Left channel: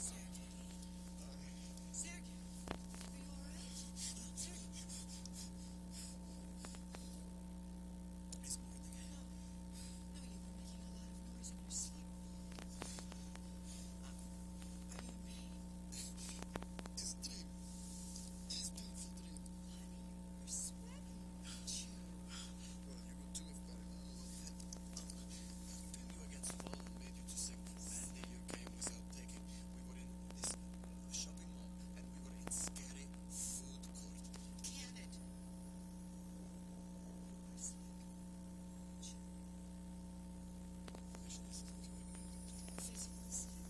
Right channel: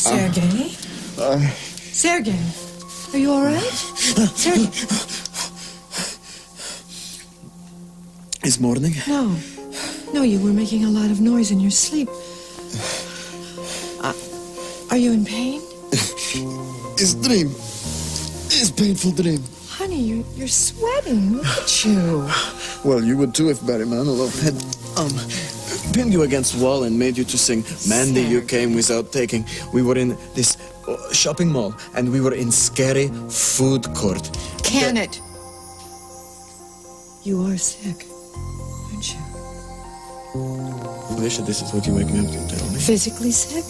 Sergei? Sergei, are you all right? Sergei? Is morning? No. No, you were making a lot of noise in your sleep. Are you in pain? It's dream. It's painful dream. Honey, you're sweating. Look at you. Well, you would too if Barry Manilow had, pinned you against the wall and made you to sing Mandy, You Came Without Taking. We were in this shopping mall, and we were in scary food court. Can it? You are sick, aren't you? Alicia, this is what you wake me up to tell me. Physically sick?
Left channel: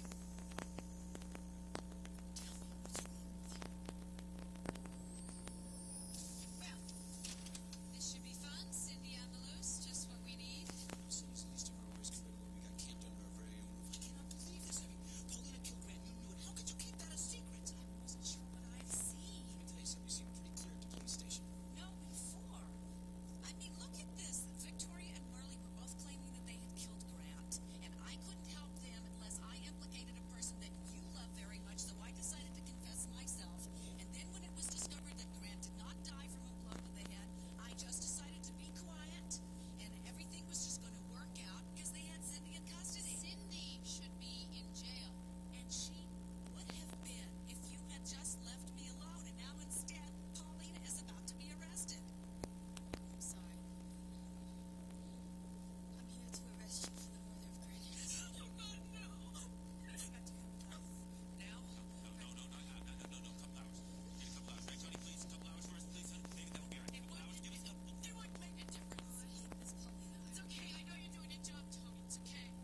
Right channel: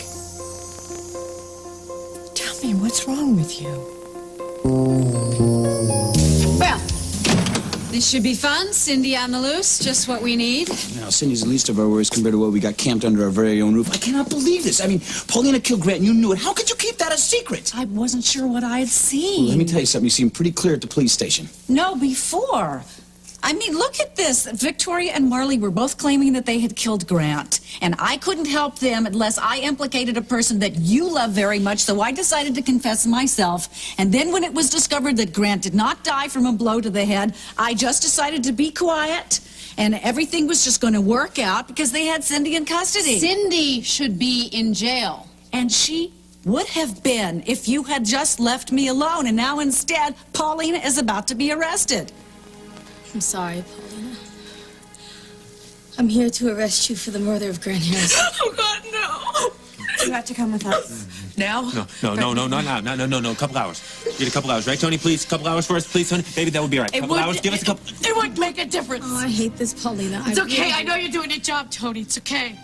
Tell me, what's wrong with you? Well, this should be fun. Cindy on the loose, just what we need. Now, Cindy's the least of our worries compared to what we got camped under our very own roof. I cannot believe this. I mean, Paulina killed Grant, and you knew it. How could you keep that a secret? I wasn't sure what I had seen. Well, let me tell you something. You seemed pretty clear at the police station. No, before. I mean, look at this. Victoria and Marley were both claiming that they had killed Grant. And I couldn't help them unless I implicated a person that you love very much, so I decided to confess myself. And then when it was discovered that Grant did not die from a blow to the head, I just decided to be quiet. And everything was just going to work out because they had Cindy in custody. Cindy should be in jail. And she would have been if you had just left me alone. And now instead, Paulina is about to be arrested. I'm sorry, Paulina. I'm here to arrest you for the murder of Grant Harrison. Oh, God, no. You have to come with us. Now? No, not now. No, couple hours. Get a couple hours, right, Tony? Please, couple hours for us, please, Tony. Baby, that would be all right. Couple hours, give us a couple. It would make a difference. Oh, I hate this, Paulina. It's okay. I know you're doing your job, Tony. It's okay.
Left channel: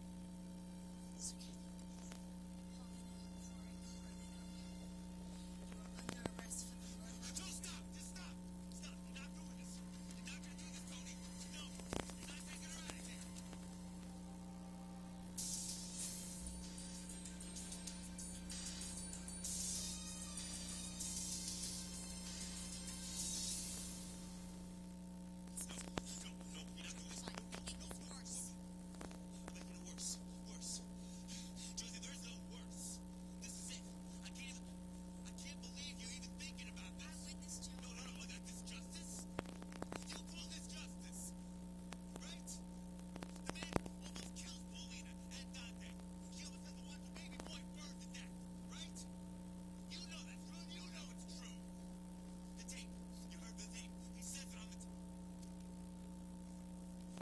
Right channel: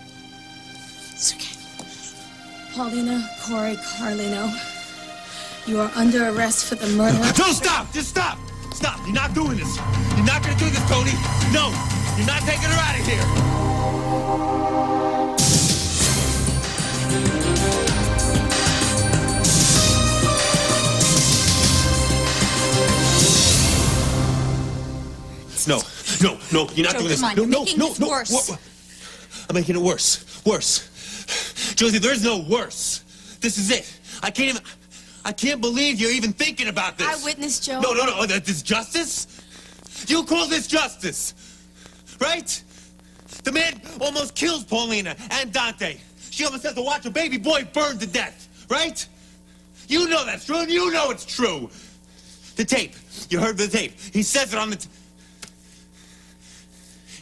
It's okay. Paulina Corey Carlino, you are under arrest for the murder. No, stop! Just stop! Stop! You're not doing this. You're not gonna do this, Tony. No, you're not taking her out of here. No, you're not Joe, doing this. come on, No, you're making this worse. I'm making it worse. Worse. Josie, there's no worse. This is it. I can't believe you're even thinking about this. Eyewitness, Joe. No. This justice? You call this justice, right? The man almost kills Paulina and Dante. She almost has to watch her baby boy burn to death, right? You know that's true, and you know it's true. The tape. You heard the tape. He says it on the...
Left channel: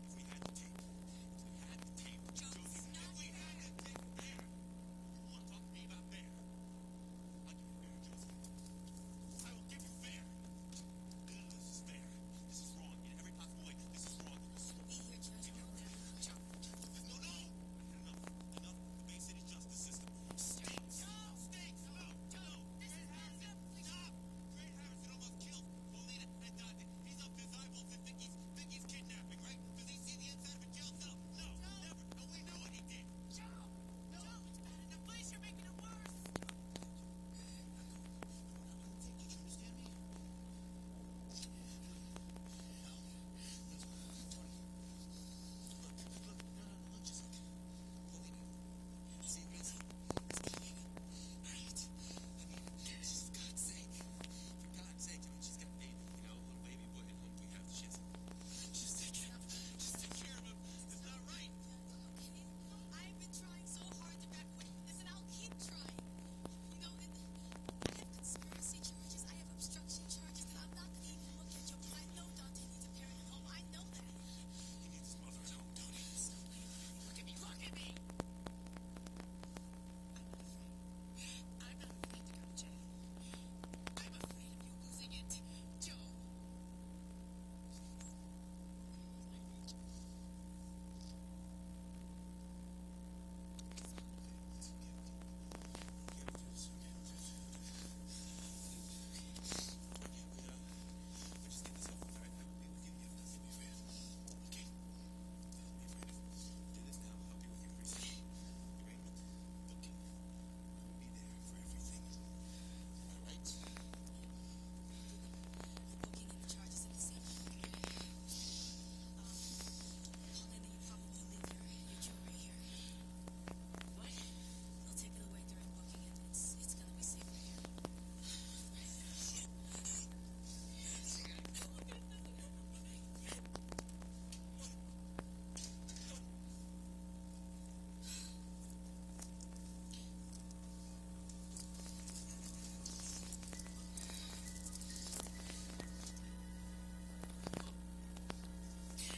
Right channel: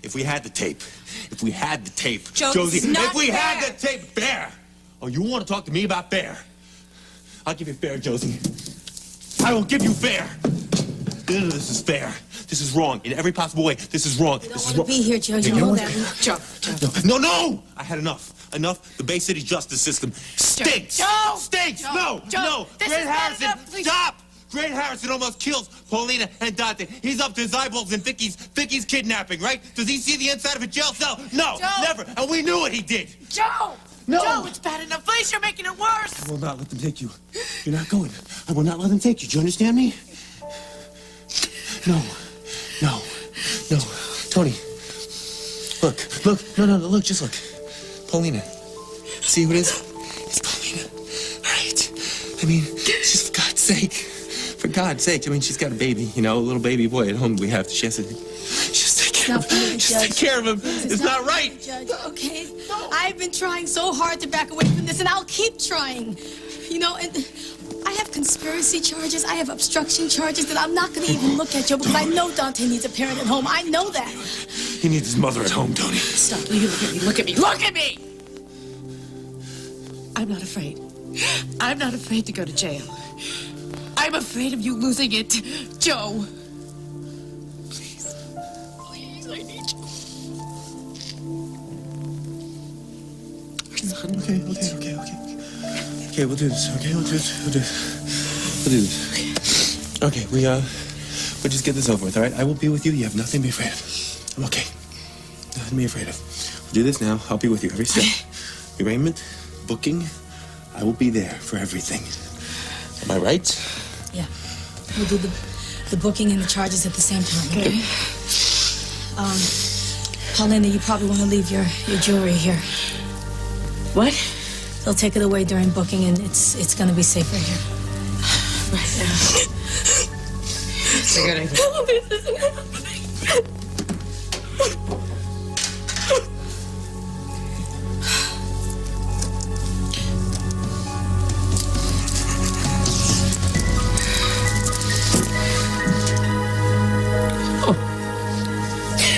If we had the tape, Joe, Josie, it's not if we had fair. the tape, Bear. Oh, you want to talk to me about Bear? I'll give you fair, Josie. I will give you fair. None of this is fair. This is wrong. In every possible way, this is wrong. You This don't is want wrong. to be here, Joe. You know that. Joe. No! I had enough. The Bay City justice system stinks. Joe! Stinks! Joe! No! This Grant is bad Harrison, enough, please. stop! Grant Harrison almost kills Paulina and Dante. He's up to his eyeballs in Vicky's kidnapping, right? Does he see the inside of a jail cell? No, Joe! never. And we knew what he did. Joe! No. Joe, it's bad enough. Please, you're making it worse. I will not let them take you. You're not going. I will not let them take you. Do you understand me? No. Tony. Look. No, look, just look. Paulina. See who it is? It's Paulina. All right. I mean, just for God's sake. I mean, she's got a baby, a little baby boy at home. She has to just take care of him. Just take care of him. It's not right. Judge, okay? I've been trying so hard to back away from this, and I'll keep trying. And I have conspiracy charges. I have obstruction charges that I'm not going to even look at, Joe, because I know Dante needs a parent at home. I know that. He needs his mother at home, Tony. Stop. You look at me. Look at me! I'm not afraid. I'm not afraid to go to jail. I'm afraid of you losing it, Joe. Please, I need you. Okay, we'll do this. We'll do this. Okay, we'll just get this over with, all right? I will be with you. You have nothing to be afraid of. I'm okay. Nothing to be afraid of. We'll do this now. I'll be with you every step. Arraignment, booking, I will be there for everything. Am I right? Yeah. We'll do the booking and the charges at the same time, okay? Paulina, you probably want to leave your jewelry here. What? They'll take it away during booking, and it's gonna be safer here. It's a good idea. Oh, this isn't happening.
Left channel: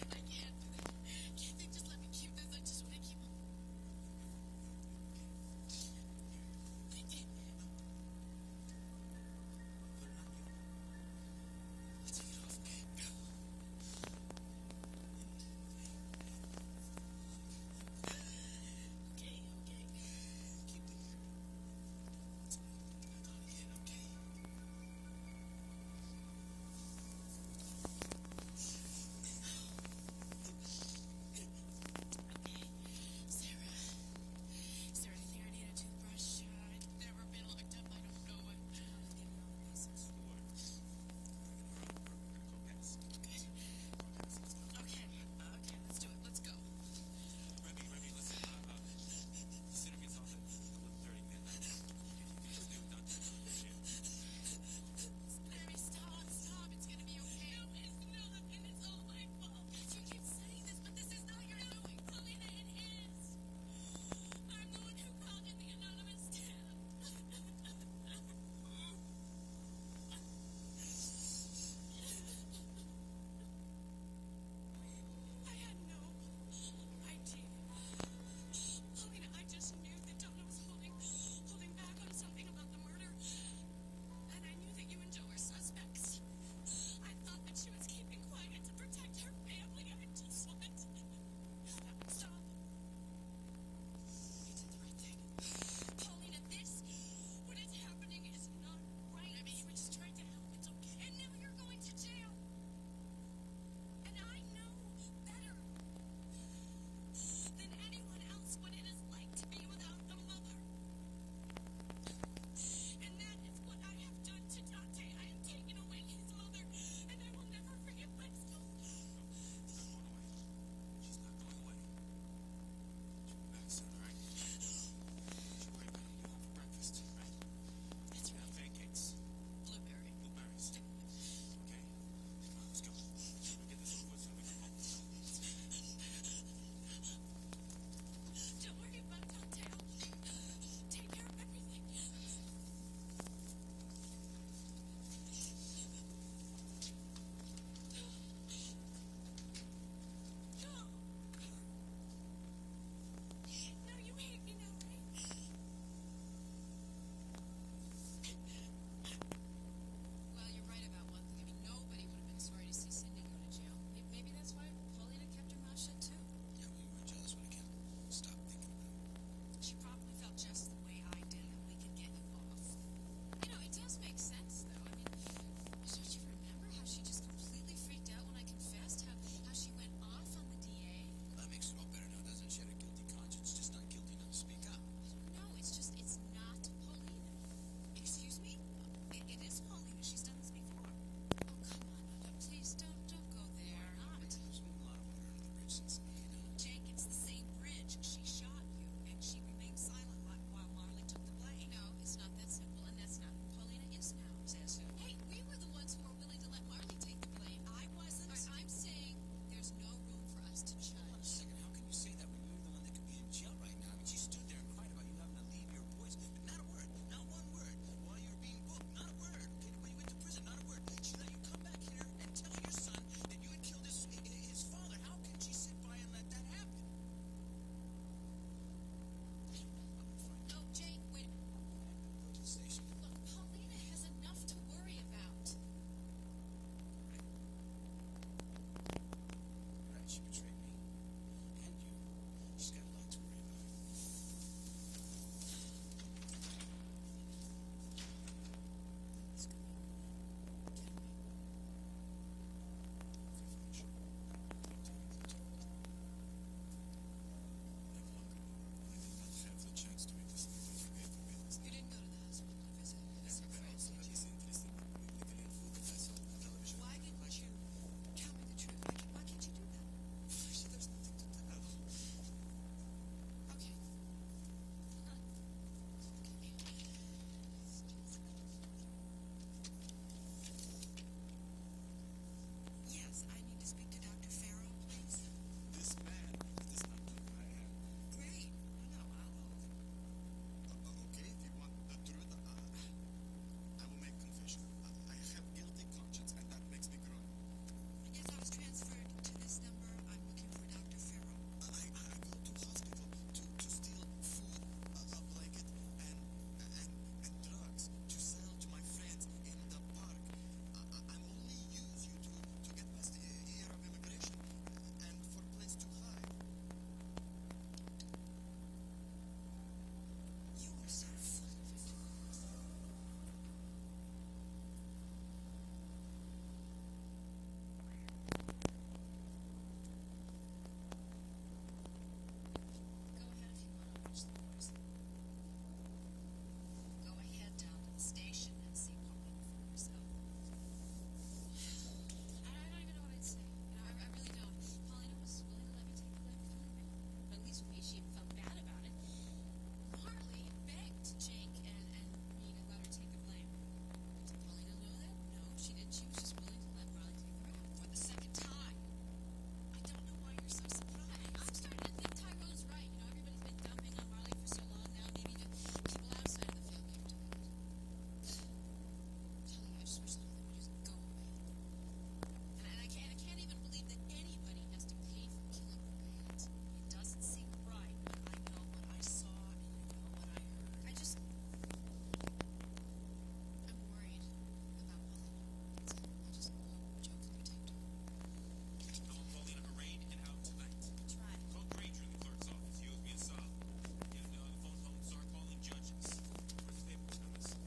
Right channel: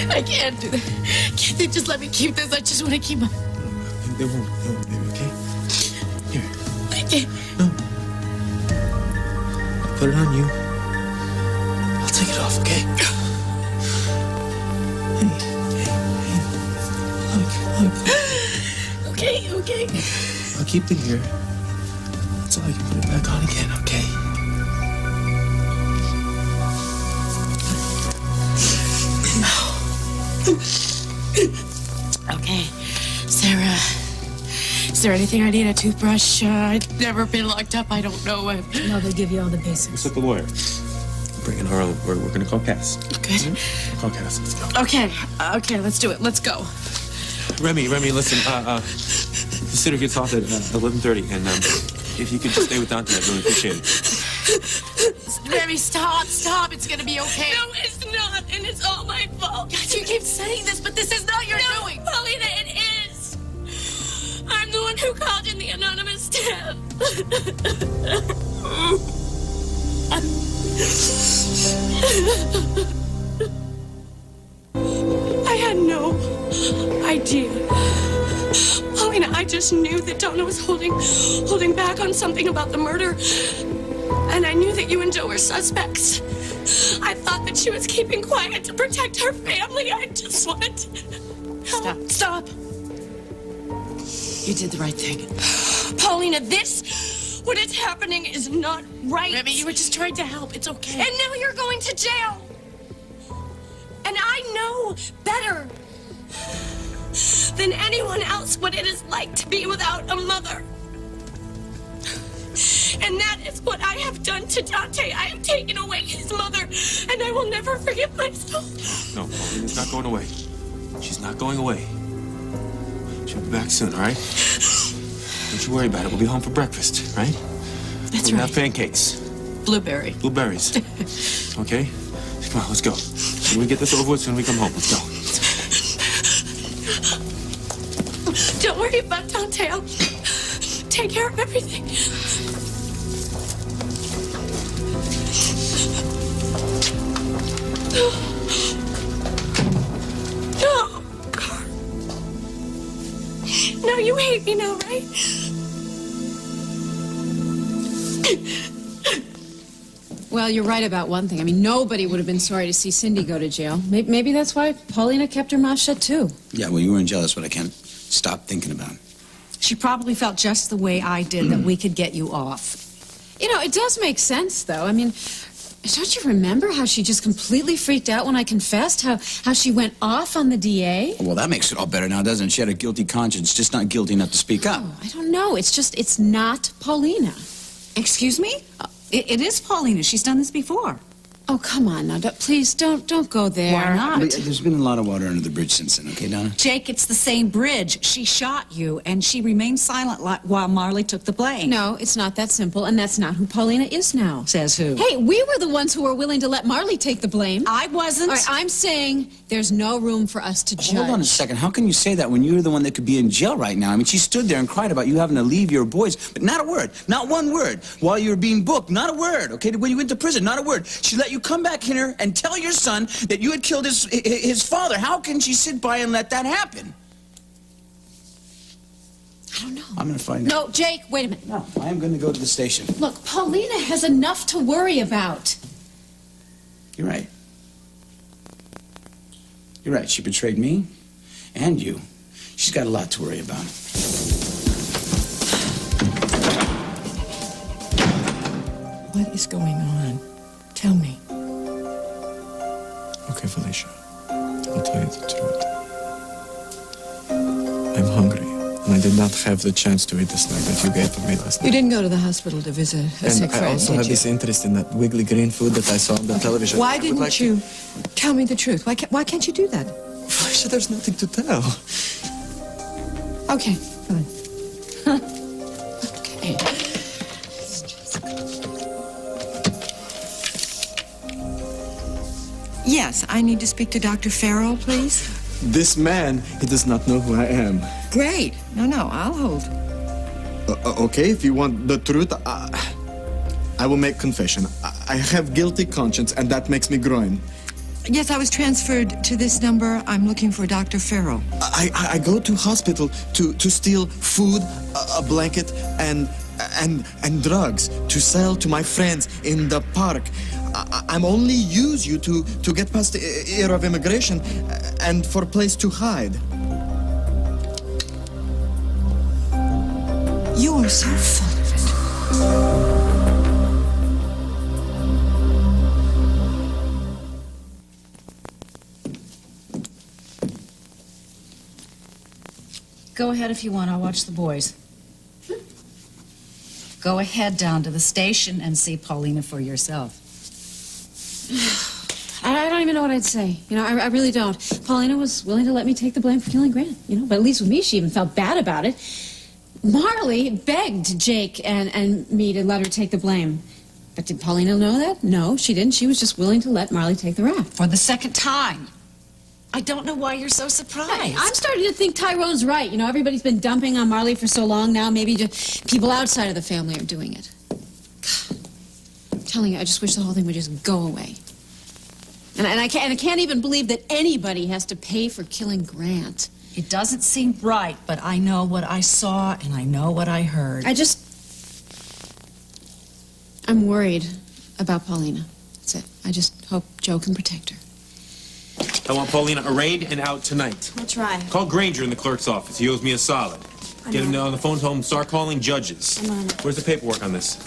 I can't do that. Can't they just let me keep this? I just want to keep my... They won't, baby, okay? Here, I can't. put it on you. I'll take it off, okay? Hey. Look. Okay. I'll keep it here. Until I can put it back on again, okay? Okay. Sarah, is there anything I need? A toothbrush? I've never been locked up. I don't know. No, they give you all the basics. What's up, the lawyer? Bring in Harlan. We're gonna call Cass. Good. Call Cass. Let's go. Okay, let's do it. Let's go. Remy, listen. The sitter gets off at 11:30, and if you could just stay with Dante, I'd really appreciate it. Remy, stop. It's gonna be okay. No, it's not, and it's all my fault. God, you keep saying this, but this is not your doing. Paulina, it is. I'm the one who called in the anonymous tip. I had no idea. Paulina, I just knew that Donna was holding back on something about the murder. And I knew that you and Joe were suspects. I thought that she was keeping quiet to protect her family. I just wanted to help. Stop. You did the right thing. Paulina, what is happening is not right. Remy, you were just trying to help. It's okay. And now you're going to jail. And I know better than anyone else what it is like to be without a mother. And that is what I have done to Dante. I have taken away his mother, and I will never forgive myself. No, Paulina's not going away. She's not going away. She'll be back soon, all right? Don't you worry about it. We'll be home for breakfast, right? That's We'll right. have pancakes. Blueberry. Blueberries. Okay? Come on, let's go. When we get this over with, soon we come home. Let's go. Don't worry about Dante. I'll take care of everything. No. No, you hate me now, right? Well, you're right about one thing. I mean, nobody would have been sorry to see Cindy go to jail. Maybe that's why Paulina kept her mouth shut, too. Yeah, well, you weren't jealous, but I can't stop thinking about it. She probably felt just the way I did that we could get you off. You know, it does make sense, though. I mean, don't you remember how she just completely freaked out when I confessed? How she went off on the DA? Well, that makes it all better now, doesn't it? She had a guilty conscience, just not guilty enough to speak up. Oh, I don't know. It's not Paulina. Excuse me? It is Paulina. She's done this before. Oh, come on now. Please, don't go there. Why not? But there's been a lot of water under the bridge since then, okay, Donna? Jake, it's the same bridge. She shot you, and she remained silent while Marley took the blame. No, it's not that simple, and that's not who Paulina is now. Says who? Hey, we were the ones who were willing to let Marley take the blame. I wasn't. All right, I'm saying there's no room for us to judge. Hold on a second. How can you say that when you're the one that could be in jail right now? I mean, she stood there and cried about you having to leave your boys, but not a word, not one word. While you were being booked, not a word, okay? When you went to prison, not a word. She let you come back here and tell your son that you had killed his father. How can she sit by and let that happen? I don't know. I'm going to find out. No, Jake, wait a minute. No, I am going to go to the station. Look, Paulina has enough to worry about. You're right. You're right. She betrayed me and you. She's got a lot to worry about. What is going on? Tell me. Okay, Felicia. I'll tell you the truth. I'm hungry, and I did not have the chance to eat the snack that you gave to me last You night. didn't go to the hospital to visit a sick And I friend, also did have you? this interest in that wiggly green food that I saw on the television. Why I would didn't like to- you tell me the truth? Why can't you do that? Felicia, there's nothing to tell. Okay, fine. Yes, I need to speak to Dr. Farrell, please. This man, he does not know who I am. Great. No, I'll hold. Okay, if you want the truth, I will make confession. I have guilty conscience, and that makes me groan. Yes, I was transferred to this number. I'm looking for Dr. Farrell. I go to hospital to steal food, a blanket, and drugs to sell to my friends in the park. I'm only use you to get past the era of immigration and for a place to hide. You are so full of it. Go ahead if you want. I'll watch the boys. Go ahead down to the station and see Paulina for yourself. I don't even know what I'd say. You know, I really don't. Paulina was willing to let me take the blame for killing Grant, you know, but at least with me, she even felt bad about it. Marley begged Jake and me to let her take the blame. But did Paulina know that? No, she didn't. She was just willing to let Marley take the rap. For the second time. I don't know why you're so surprised. Hey, I'm starting to think Tyrone's right. You know, everybody's been dumping on Marley for so long now. Maybe just people outside of the family are doing it. God, I'm telling you, I just wish the whole thing would just go away. And I can't even believe that anybody has to pay for killing Grant. It doesn't seem right, but I know what I saw and I know what I heard. I'm worried about Paulina. That's it. I just hope Joe can protect her. I want Paulina arraigned and out tonight. I'll try. Call Granger in the clerk's office. He owes me a solid. Get him on the phone, tell him to start calling judges. I'm on it. Where's the paperwork on this?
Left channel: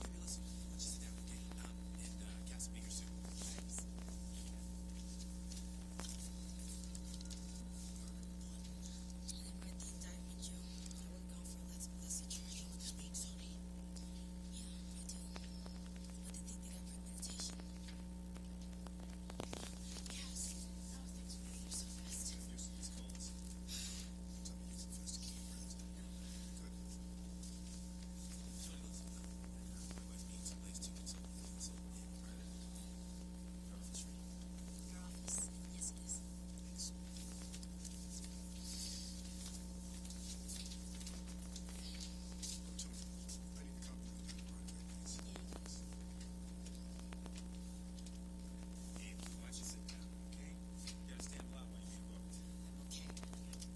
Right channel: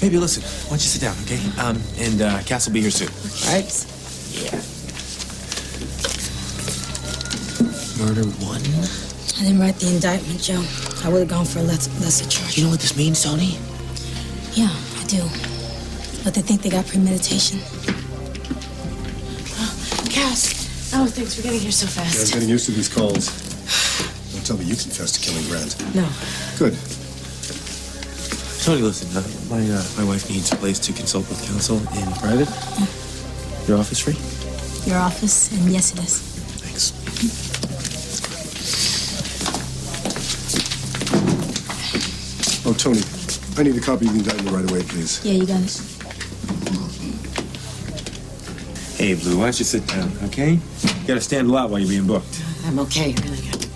Baby, listen. Why don't you sit down, okay? And Cass will be here soon. All right? Yeah. Murder one. I didn't write the indictment, Joe. I would have gone for a lesser charge. You know what this means, Tony? Yeah, I do. But they think they got premeditation. Cass. Oh, thanks for getting here so Yeah, I'm fast. getting used to these calls. Don't tell me you confessed to killing Grant. No. Good. Tony, listen. My wife needs a place to consult with counsel in private. Your office free? Your office, and yes, it is. Thanks. Oh, Tony, I need a copy of the indictment right away, please. Yeah, you got it. Hey, Blue, why don't you sit down, okay? You gotta stand a lot while you're being booked. I'm okay, really good.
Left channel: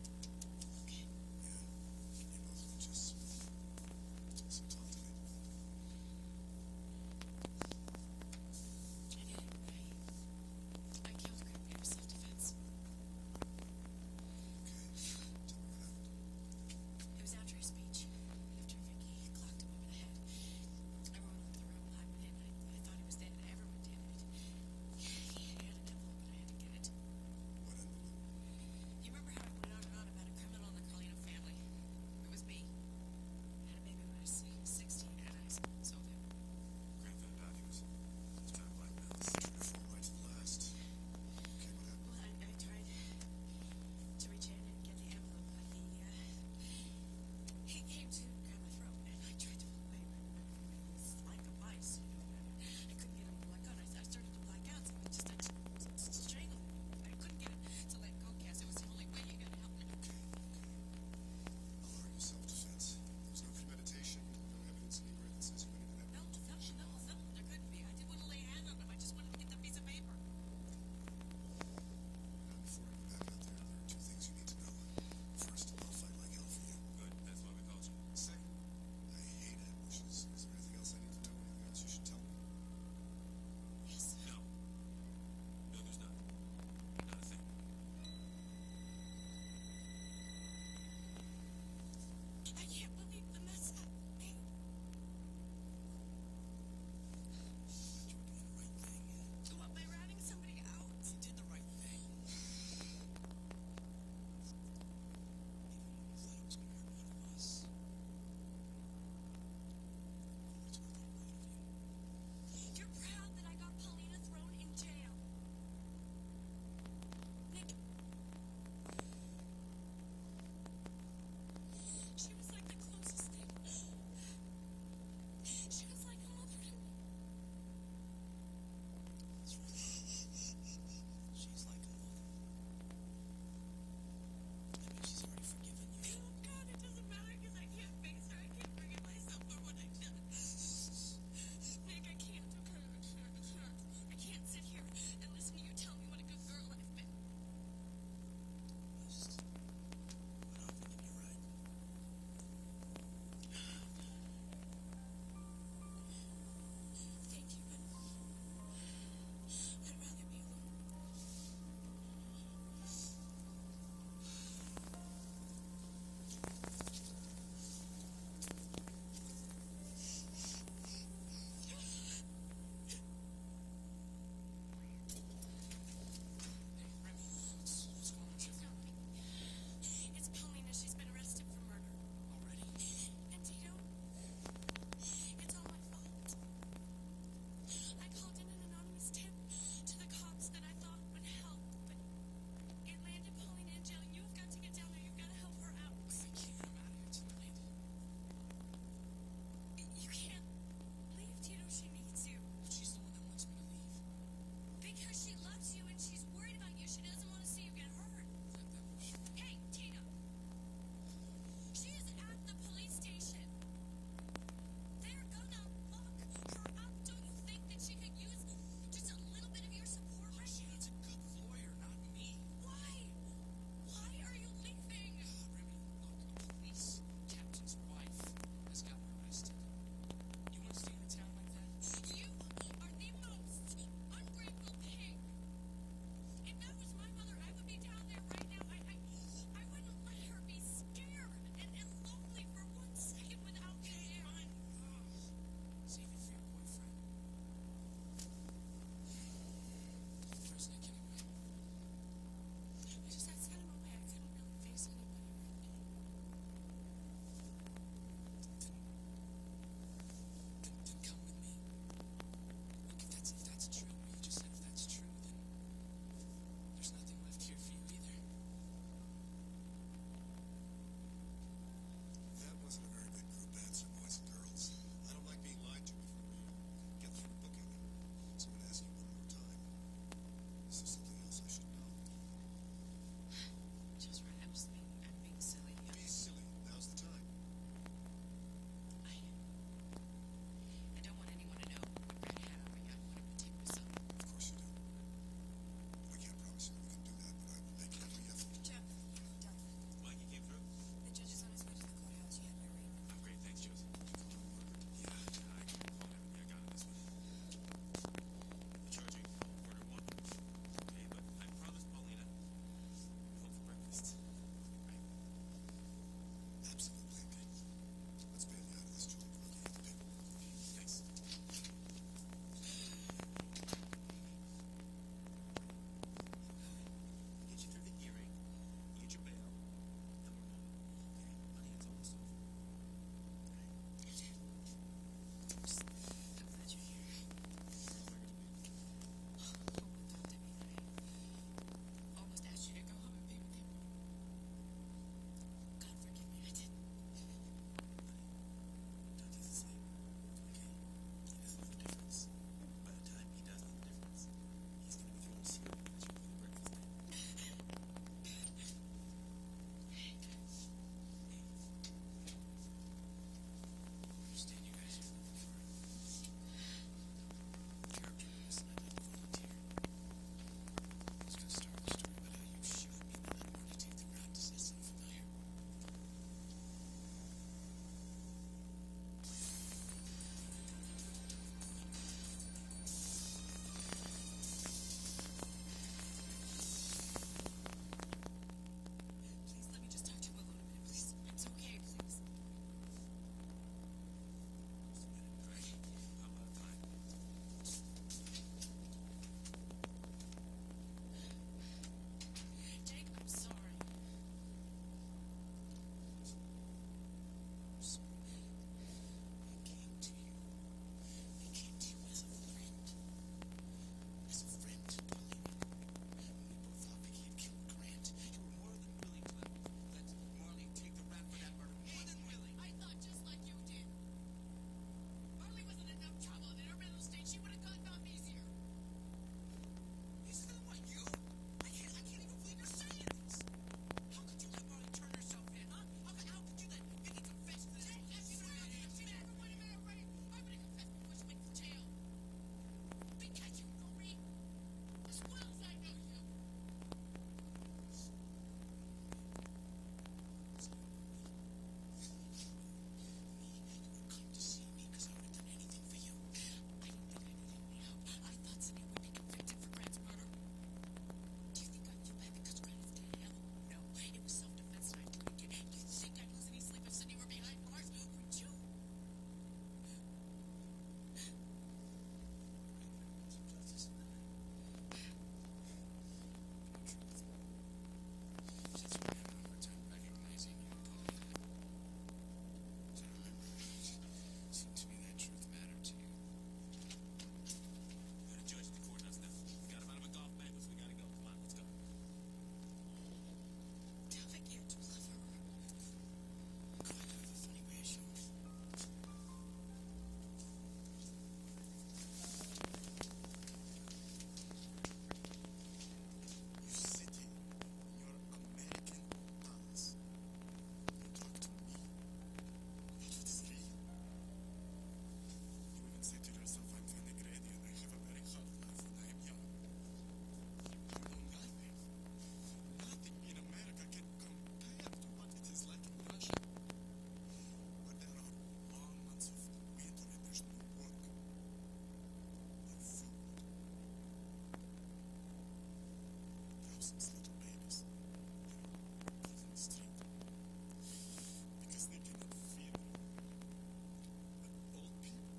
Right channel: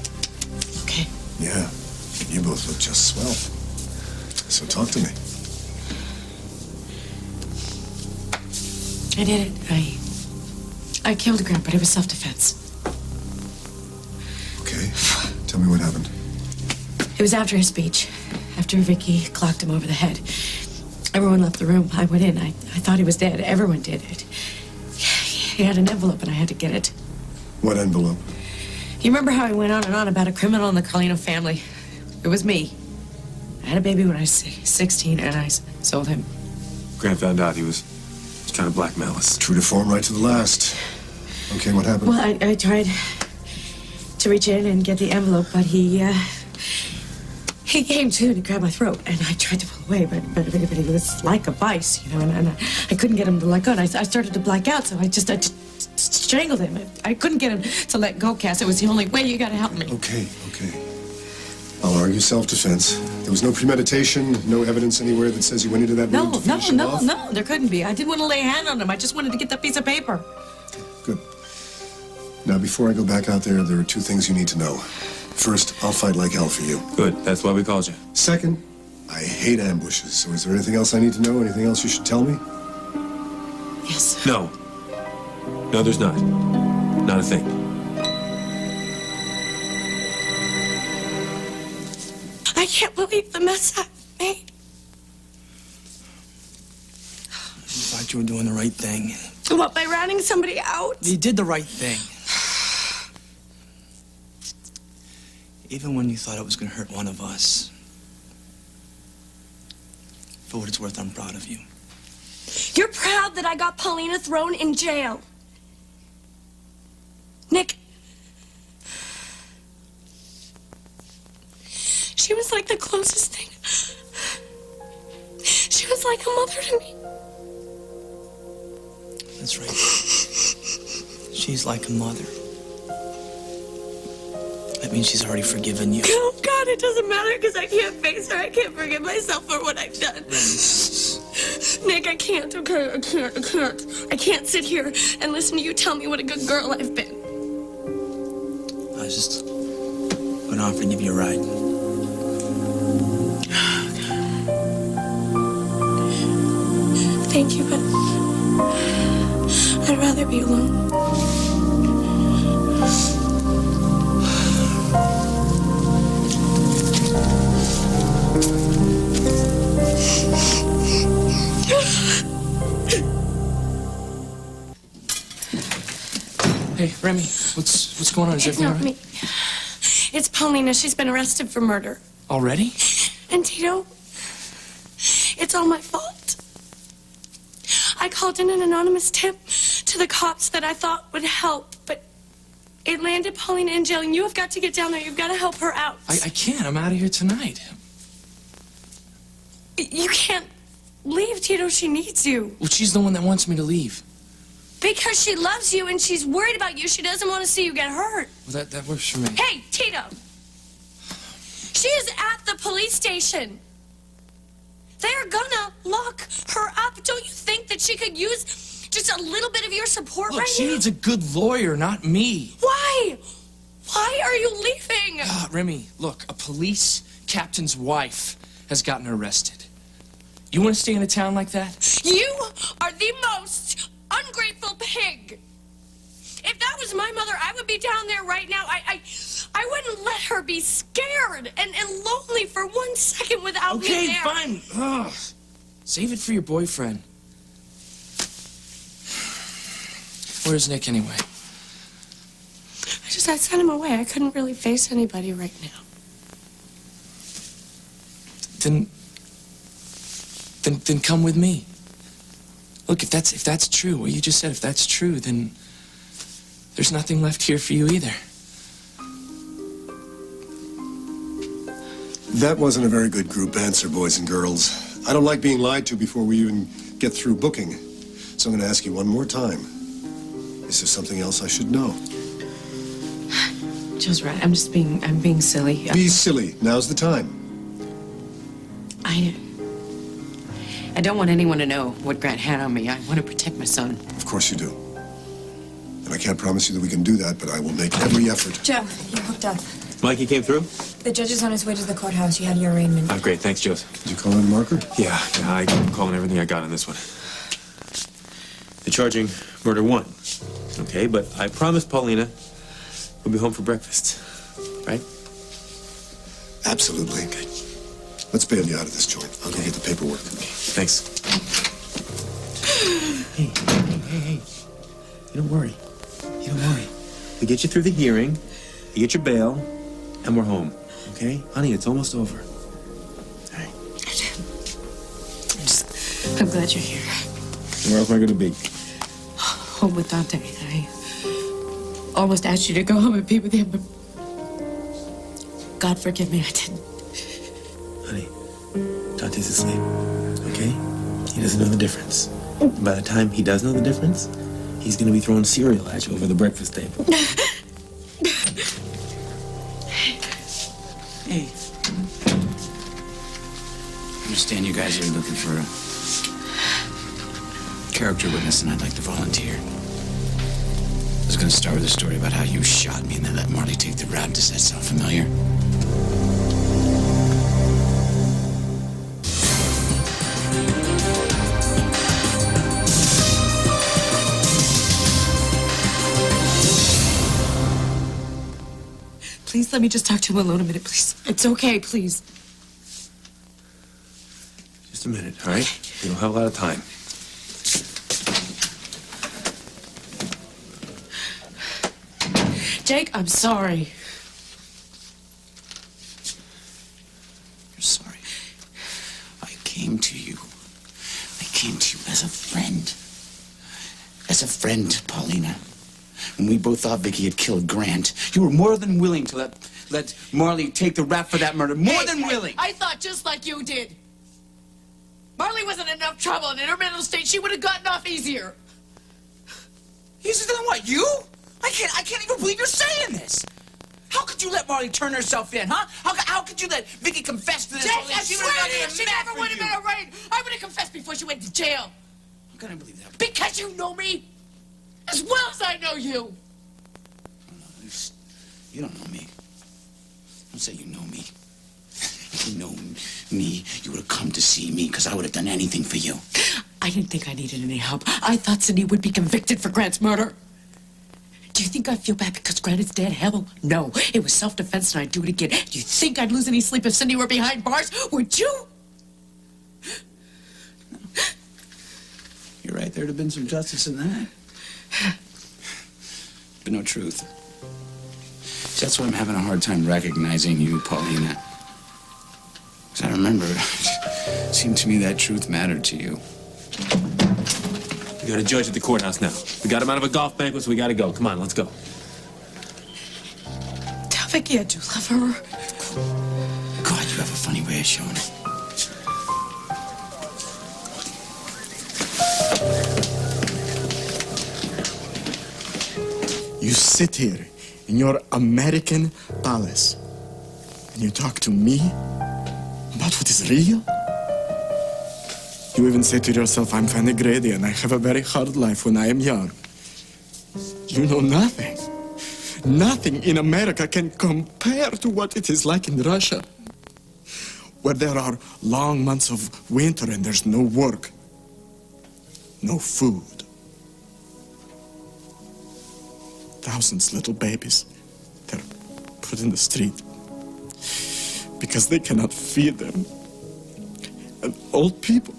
Okay. Yeah, you both look just swell. So talk to me. I did it. I killed Grant, but it was self-defense. Okay, tell me what happened. It was after his speech, after Vicky clocked him over the head. Everyone left the room. I went in. I thought he was dead. Everyone did it. He had an envelope, and I had to get it. What envelope? You remember how I went on and on about a criminal in the Carlino family? It was me. I had a baby when I was 16, and I sold him. Grant found out he was trying to blackmail us. True to form, right to the last. Okay, what happened? Well, I tried to reach in and get the envelope, but he came to and grabbed my throat, and I tried to pull away, but it was like a vice, you know, and I couldn't get him to let go, and I started to black out, so I just strangled him. I couldn't get him to let go, Cass. It was the only way. You gotta help me. Okay. I'll argue self-defense. There was no premeditation, no evidence anywhere that says you went into that room to finish him off? No, there couldn't be. I didn't want to lay a hand on him. I just wanted to get that piece of paper. Good. Now, before I go back out there are two things you need to know. First, I'll fight like hell for you. Good, that's why we called you. Second, I hate ambushes. So is there anything else I need to know? Anything else you should tell me? Yes. No. No, there's not. Not a thing. I can't believe the mess I made. You thought you were doing the right thing. What, by ratting somebody out? You did the right thing. Even when you thought it was going to hurt one of us. For what it's worth, I'm proud of you. You're proud that I got Paulina thrown in jail. Nick, She was like the closest thing. She was like a mother to me. That's right. She's like a mother. That means she's already forgiven you. Oh, God, it doesn't matter because I can't face her. I can't forgive myself for what I've done. Nick, I can't, okay? I can't. I can't sit here and listen to you tell me what a good girl I've been. I was just going to offer to give you a ride. Thank you, but I'd rather be alone. Hey, Remy, what's going on? Is It's everything all not right? me. It's Paulina. She's been arrested for murder. Already? And Tito, it's all my fault. I called in an anonymous tip to the cops that I thought would help, but it landed Paulina in jail, and you have got to get down there. You've got to help her out. I can't. I'm out of here tonight. You can't leave, Tito. She needs you. Well, she's the one that wants me to leave. Because she loves you and she's worried about you. She doesn't want to see you get hurt. Well, that works for me. Hey, Tito. She is at the police station. They're gonna lock her up. Don't you think that she could use just a little bit of your support Look, right she now? needs a good lawyer, not me. Why? Why are you leaving? Remy, look, a police captain's wife has gotten arrested. You want to stay in a town like that? You are the most ungrateful pig. If that was my mother, I would be down there right now. I wouldn't let her be scared and lonely for 1 second without me Okay, there. fine. Ugh. Save it for your boyfriend. Where's Nick anyway? I sent him away. I couldn't really face anybody right now. Then come with me. Look, if that's true, what you just said, if that's true, then there's nothing left here for you either. That wasn't a very good group answer, boys and girls. I don't like being lied to before we even get through booking. So I'm going to ask you one more time. Is there something else I should know? Joe's right. I'm being silly. Be silly. Now's the time. I don't want anyone to know what Grant had on me. I want to protect my son. Of course you do. And I can't promise you that we can do that, but I will make every effort. Joe, you're hooked up. Mikey came through? The judge is on his way to the courthouse. You had your arraignment. Oh, great. Thanks, Joseph. Did you call in a marker? Yeah, I'm calling everything I got on this one. They're charging murder 1. Okay, but I promised Paulina we'll be home for breakfast. Right? Absolutely. Good. Let's bail you out of this joint. I'll go get the paperwork. Thanks. Hey. You don't worry. We get you through the hearing, you get your bail, and we're home. Okay? Honey, it's almost over. All right. I'm glad you're here. Where else am I going to be? Home with Dante. I almost asked you to go home and be with him, but God forgive me, I didn't. Honey, Dante's asleep. Okay? He doesn't know the difference. By the time he does know the difference, he's going to be throwing cereal at you over the breakfast table. Hey. I understand you guys are looking for a character witness, and I'd like to volunteer. I was going to start with a story about how you shot me and then let Marley take the rap. Does that sound familiar? Please let me just talk to him alone a minute, please. It's okay, please. Just a minute, all right? We don't have a lot of time. Jake, I'm sorry. You're sorry. I came to you as a friend. As a friend, Paulina. When we both thought Vicky had killed Grant, you were more than willing to let let Marley take the rap for that murder. More than willing. I thought just like you did. Marley wasn't in enough trouble, and in her mental state, she would have gotten off easier. Easier than what, you? I can't even believe you're saying this. How could you let Marley turn herself in, huh? How could you let Vicky confess to this? Jake, whole thing? I She swear would've to you, gotten she mad never for would have you. been arraigned. I would have confessed before she went to jail. I'm gonna believe that. Because you know me as well as I know you. You don't know me. Don't say you know me. If you know me, you would have come to see me because I would have done anything for you. I didn't think I needed any help. I thought Cindy would be convicted for Grant's murder. Do you think I feel bad because Grant is dead? Hell, no. It was self-defense and I'd do it again. Do you think I'd lose any sleep if Cindy were behind bars? Would you? You're right. There'd have been some justice in that. But no truth. See, that's why I'm having a hard time recognizing you, Paulina. Because I remember, it seemed to me that truth mattered to you. We got a judge at the courthouse now. We got him out of a golf banquet, so we gotta go. Come on, let's go. Tell Vicky I do love her. God, you have a funny way of showing it. You sit here in your American palace and you talk to me about what is real? You even say to yourself, I'm Fanny Grady and I have a very hard life when I am young. You know nothing. Nothing in America can compare to what it is like in Russia, where there are long months of winter and there's no work, no food. Thousands little babies, they're put in the street because they cannot feed them. And old people,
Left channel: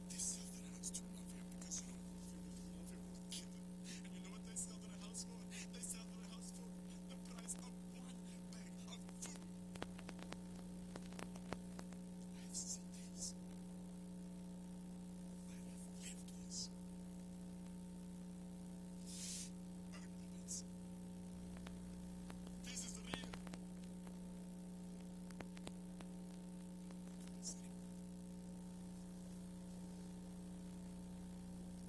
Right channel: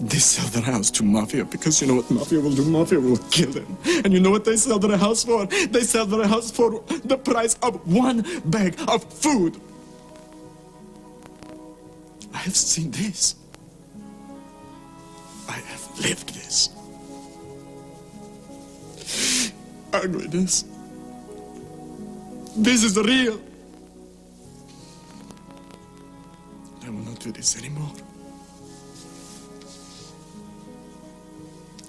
they sell their house to mafia because you know what mafia will do? Mafia will kill them. And you know what they sell their house for? They sell their house for the price of one bag of food. I have seen this. I have lived this. Ugliness. This is real. I will not do this anymore.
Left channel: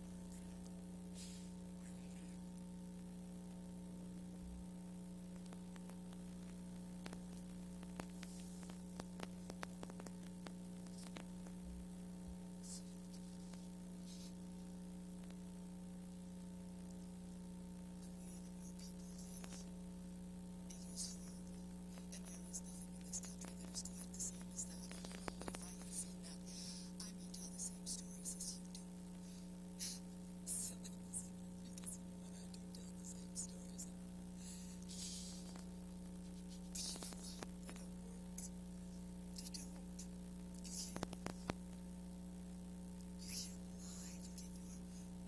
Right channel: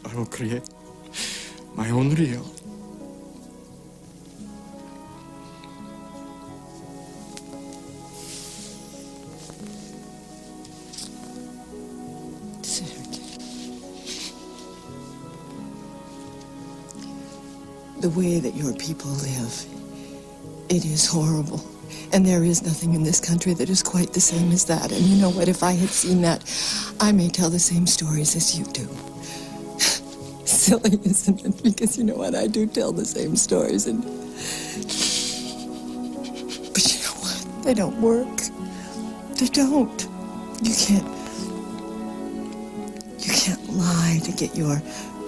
I will create my own real. The way that your people live, it is horrible. And there is nothing in this country that is quite the same as that. And you know what? If I had seen that, I may tell the same stories as you do. Silly, isn't it? Because you know what? I do tell the same stories. But you know what? They don't work. They don't. You can't lie to get your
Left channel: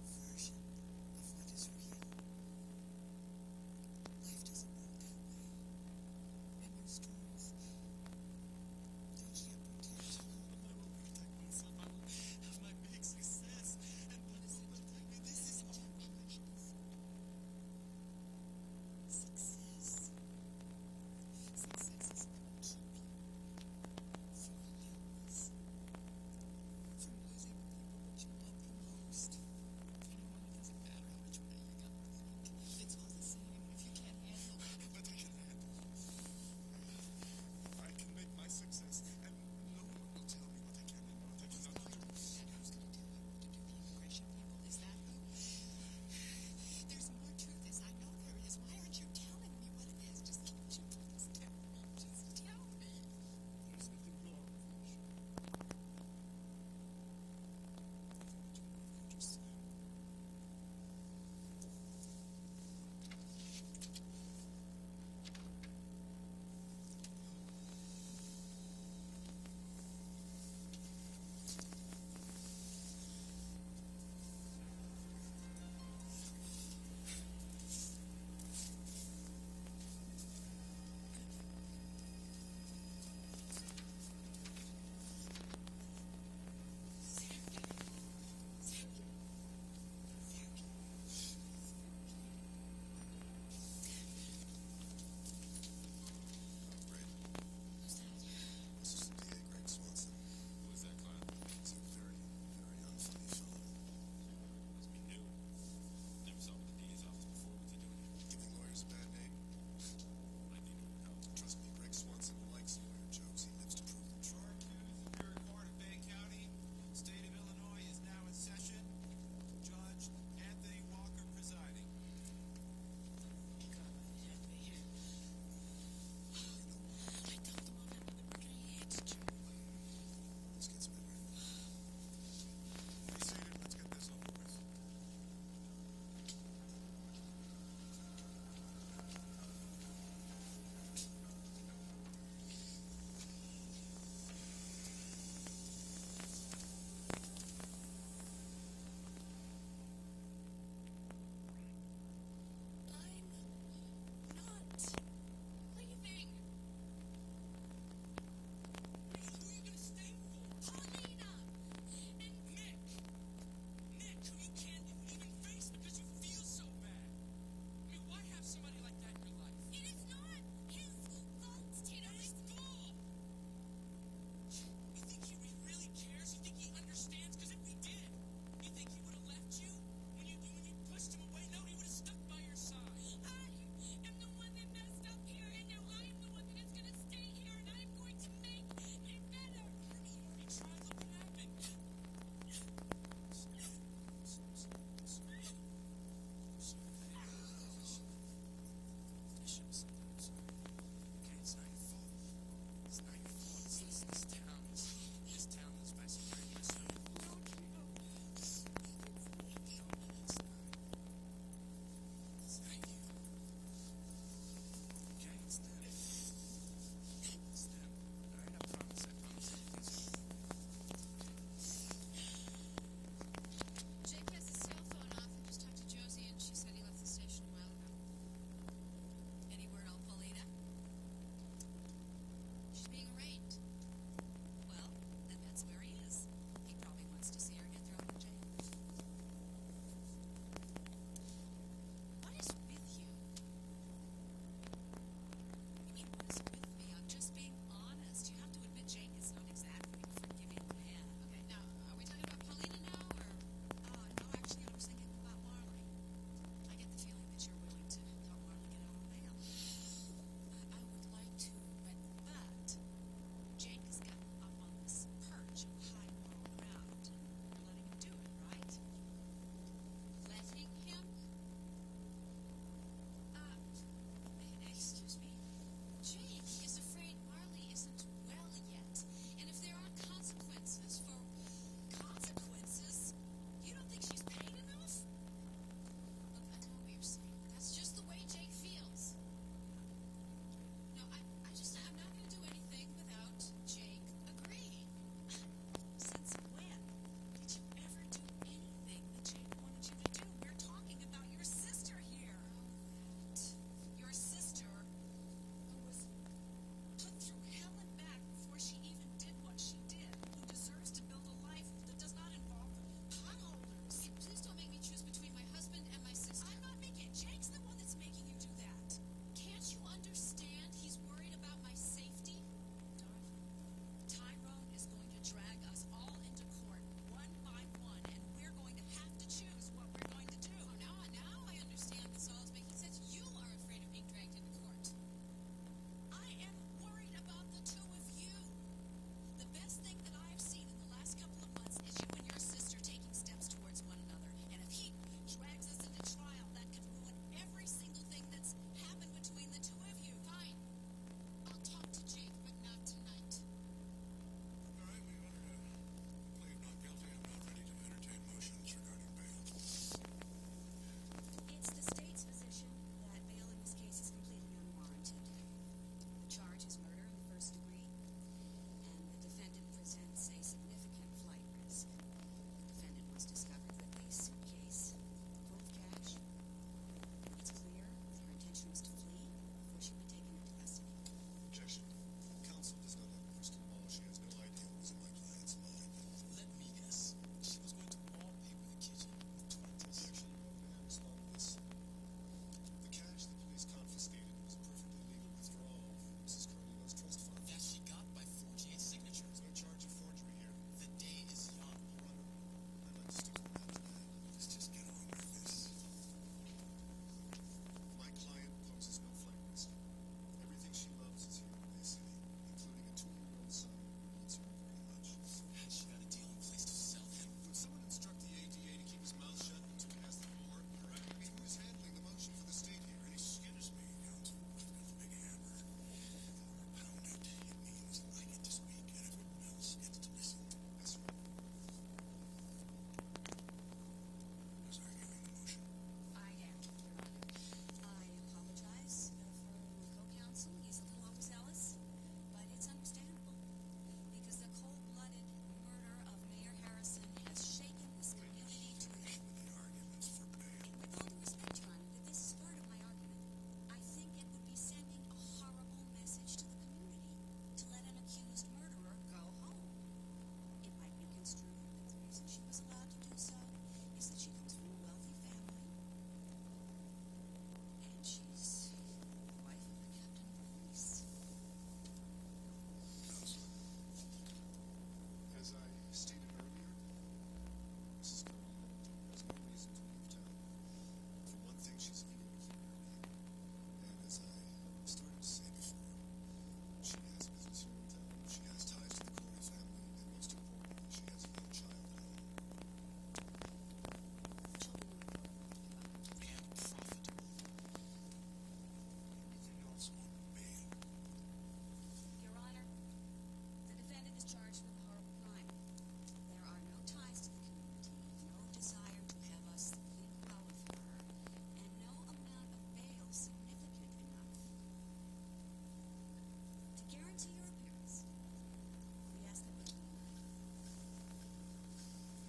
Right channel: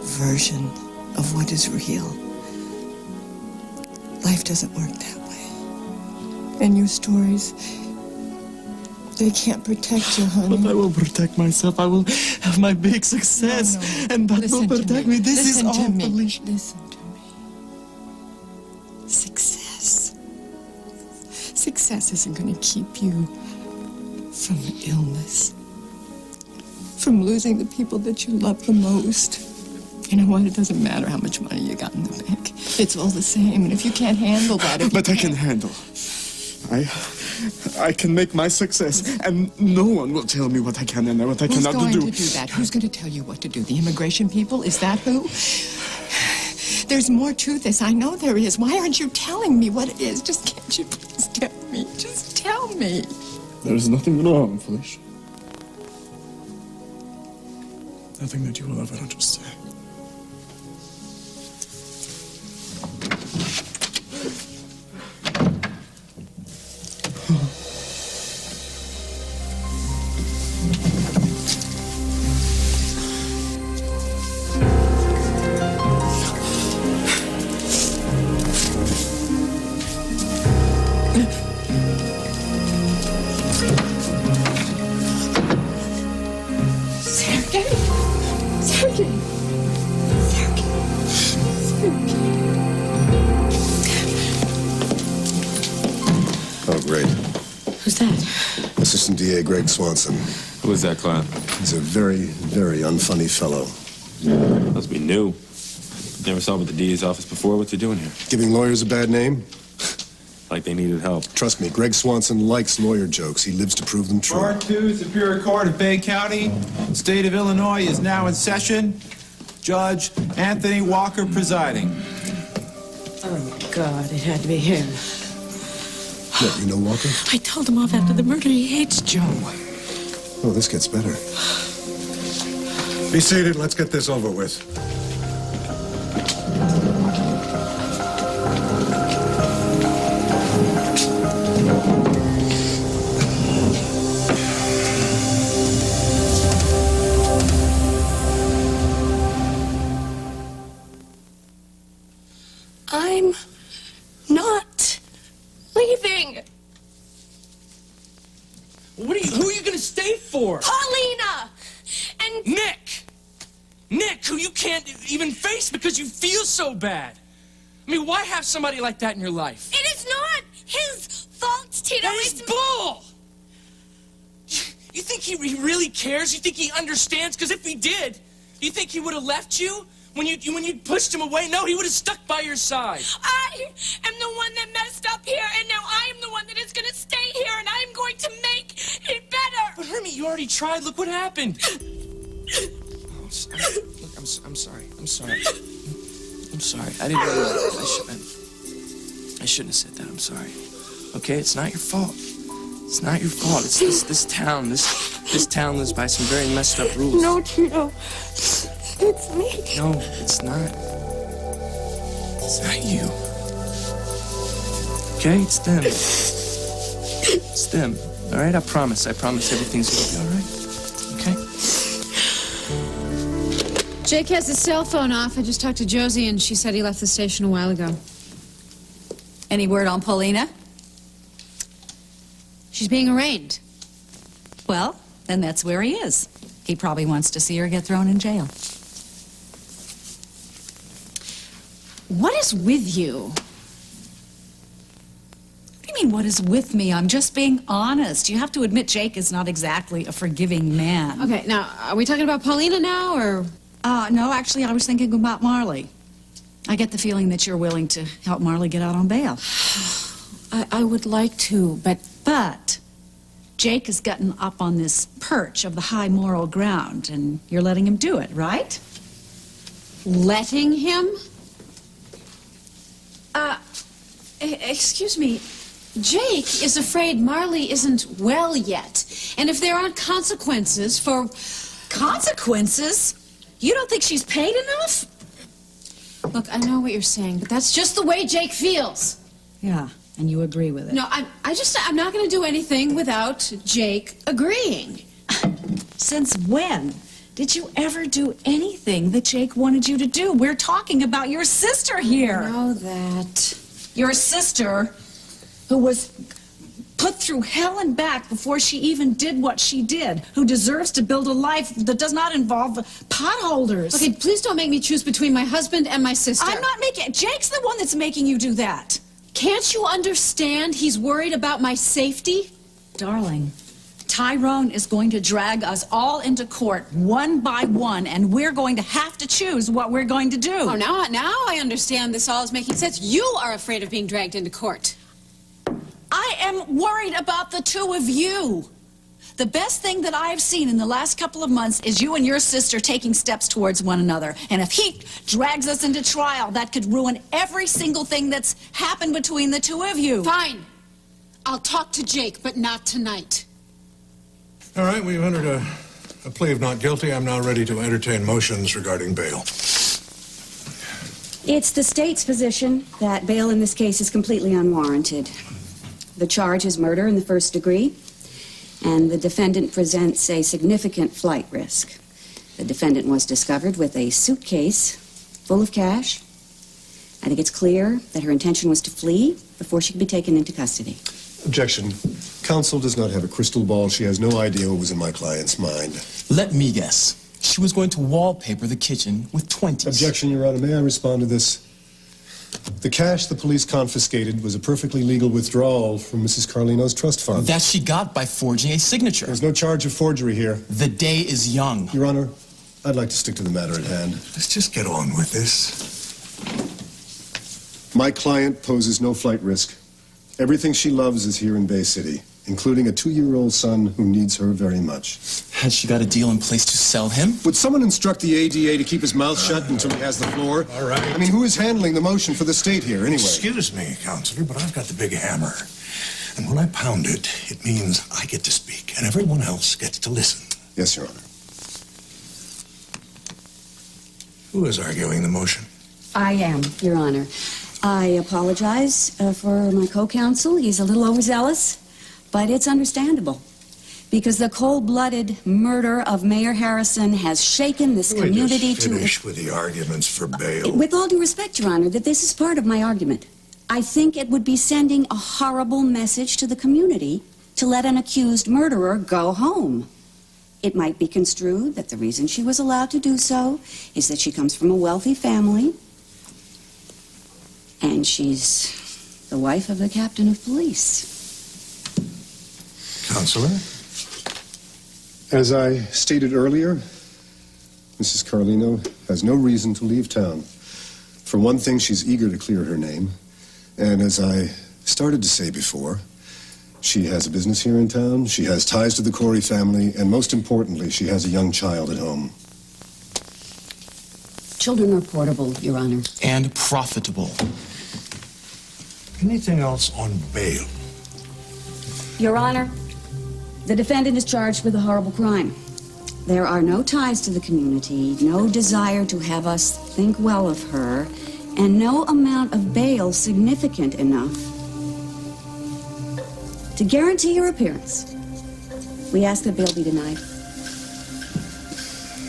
version of what is real. Life doesn't work that way. And your stories, they can't protect you, honey. But I will protect myself. I will have my big success. No. And that Listen will to protect me. This is Listen all to me. Felicia. Listen to me. Success. Success isn't going to keep you from illness, from losing the people that you love the most. You know what? It doesn't matter how much money you got in the bank. It's all the same. And if you can't handle that, But I can handle. I can make my success, and no one will tell me what I can and what I Who's cannot going do. to do that? Who's going to tell you what to do? The immigration people? Is that who? There's more to this. I know there is. Why aren't you telling me what it is? Just can't you please tell me? Just tell me. There is nothing wrong, Felicia. Nothing that you will ever understand. Sergei! Sergei! Sergei! Sergei! grade. Who's that? Assistant DA Greg Swanson. Who is that, Clown? He's a very, very unfunny fellow. Must be new. Never saw him at the DA's office before. What's he doing here? Giving lawyers a bad name? Like they needed help. Trust me, Greg Swanson likes lawyer jokes. He lives to prove them true. Part 2, Superior Court of Bay County, State of Illinois is now in session. Judge Anthony Walker presiding. Oh, my God, it had to be him. What, you know Walker? I told him off after the murder. He hates Joe. Oh, this gets better. Be seated. Let's get this over with. I'm not leaving. Who are you gonna stay for? Paulina! And Nick, who you can't even face because you feel so bad. I mean, why have somebody like that in your life? it is not his fault, Tito. That is bull! You think he really cares? You think he understands? Because if he did, do you think he would have left you? When you pushed him away? No, he would have stuck by your side. I am the one that messed up here, and now I am the one that is going to stay here, and I am going to make it better. But Hermie, you already tried. Look what happened. Oh, sorry. Look, I'm sorry. I'm sorry. I'm sorry. I didn't realize. I shouldn't have said that. I'm sorry. Okay, it's not your fault. It's not your fault. It's this town. This town lives by some very messed up rules. No, Tito. It's me. No, it's not. It's not you. Okay, it's them. It's them. All right, I promise. I promise everything's gonna be all right. Okay? Jake has his cell phone off. I just talked to Josie, and she said he left the station a while ago. Any word on Paulina? She's being arraigned. Well, then that's where he is. He probably wants to see her get thrown in jail. What is with you? What do you mean, what is with me? I'm just being honest. You have to admit Jake is not exactly a forgiving man. Okay, now, are we talking about Paulina now, or...? No, actually, I was thinking about Marley. I get the feeling that you're willing to help Marley get out on bail. I would like to, but... But Jake has gotten up on this perch of the high moral ground, and you're letting him do it, right? Letting him? Excuse me. Jake is afraid Marley isn't well yet. And if there aren't consequences for... Consequences? You don't think she's paid enough? Look, I know what you're saying, but that's just the way Jake feels. Yeah, and you agree with it. No, I'm not going to do anything without Jake agreeing. Since when did you ever do anything that Jake wanted you to do? We're talking about your sister here. I know that. Your sister, who was put through hell and back before she even did what she did, who deserves to build a life that does not involve potholders. Okay, please don't make me choose between my husband and my sister. I'm not making... Jake's the one that's making you do that. Can't you understand he's worried about my safety? Darling, Tyrone is going to drag us all into court one by one, and we're going to have to choose what we're going to do. Oh, now I understand this all is making sense. You are afraid of being dragged into court. I am worried about the two of you. The best thing that I've seen in the last couple of months is you and your sister taking steps towards one another. And if he drags us into trial, that could ruin every single thing that's happened between the two of you. Fine. I'll talk to Jake, but not tonight. All right, we've entered a plea of not guilty. I'm now ready to entertain motions regarding bail. It's the state's position that bail in this case is completely unwarranted. The charge is murder in the first degree, and the defendant presents a significant flight risk. The defendant was discovered with a suitcase full of cash. I think it's clear that her intention was to flee before she could be taken into custody. Objection. Counsel does not have a crystal ball. She has no idea what was in my client's mind. Let me guess. She was going to wallpaper the kitchen with 20s. Objection, Your Honor. May I respond to this? The cash the police confiscated was a perfectly legal withdrawal from Mrs. Carlino's trust fund. That she got by forging a signature. There's no charge of forgery here. The day is young. Your Honor, I'd like to stick to the matter at hand. Let's just get on with this. My client poses no flight risk. Everything she loves is here in Bay City, including a 2-year-old son who needs her very much. Has she got a deal in place to sell him? Would someone instruct the ADA to keep his mouth shut until he has the floor? All right. I mean, who is handling the motion for the state here, anyway? Excuse me, Counselor, but I've got the big hammer. And when I pound it, it means I get to speak, and everyone else gets to listen. Yes, Your Honor. Who is arguing the motion? I am, Your Honor. I apologize for my co-counsel. He's a little overzealous, but it's understandable. Because the cold-blooded murder of Mayor Harrison has shaken this community to... Finish with the arguments for bail. With all due respect, Your Honor, that this is part of my argument. I think it would be sending a horrible message to the community to let an accused murderer go home. It might be construed that the reason she was allowed to do so is that she comes from a wealthy family and she's the wife of the captain of police. Counselor? As I stated earlier, Mrs. Carlino has no reason to leave town. For one thing, she's eager to clear her name. And as I started to say before, she has a business here in town, she has ties to the Corey family, and most importantly, she has a young child at home. Children are portable, Your Honor. And profitable. Anything else on bail? Your Honor, the defendant is charged with a horrible crime. There are no ties to the community, no desire to have us think well of her, and no amount of bail significant enough to guarantee your appearance. We ask that bail be denied.